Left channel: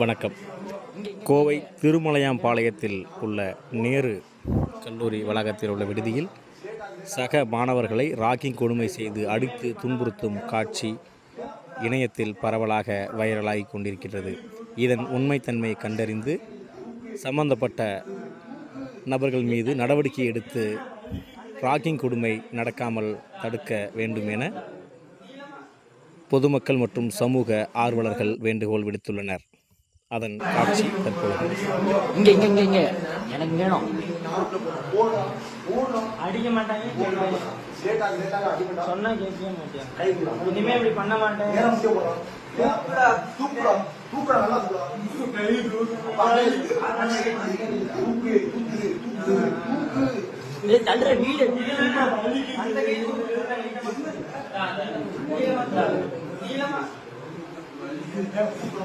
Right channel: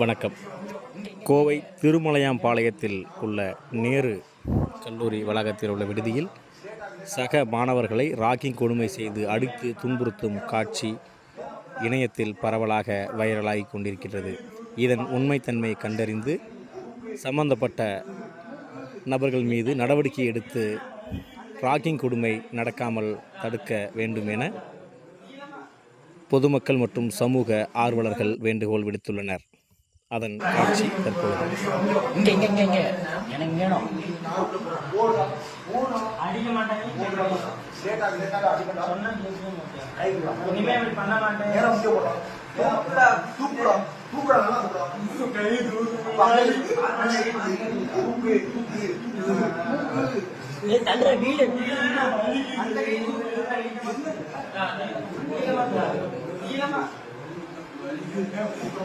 வணக்கம். கோவை திருமலையாம்பாளையத்தில் உள்ள நேரு கல்லூரி வளாகத்தில் உள்ள விடுதியில் சக மாணவர்களை ராகிங் கொடுமை செய்து அடித்து துன்புறுத்தும் காட்சி இணையத்தில் பரவலாக வைரலாகி கொண்டிருக்கிறது. இதன் உண்மைத்தன்மையை கண்டறிந்து சம்பந்தப்பட்ட நபர்கள் மீது நடவடிக்கை எடுத்து ராகிங் கொடுமை நடக்காமல் தடுக்க வேண்டும் என பொதுமக்கள் மற்றும் சமூக ஆர்வலர்கள் வேண்டுகோள் விடுத்துள்ளனர். அதன் காட்சி தற்பொழுது. எனக்கு வேணும். அடிக்க மாட்டாங்க, சொன்னா கேட்க மாட்டேன், இனிமேல் பண்ண மாட்டேன். வீடு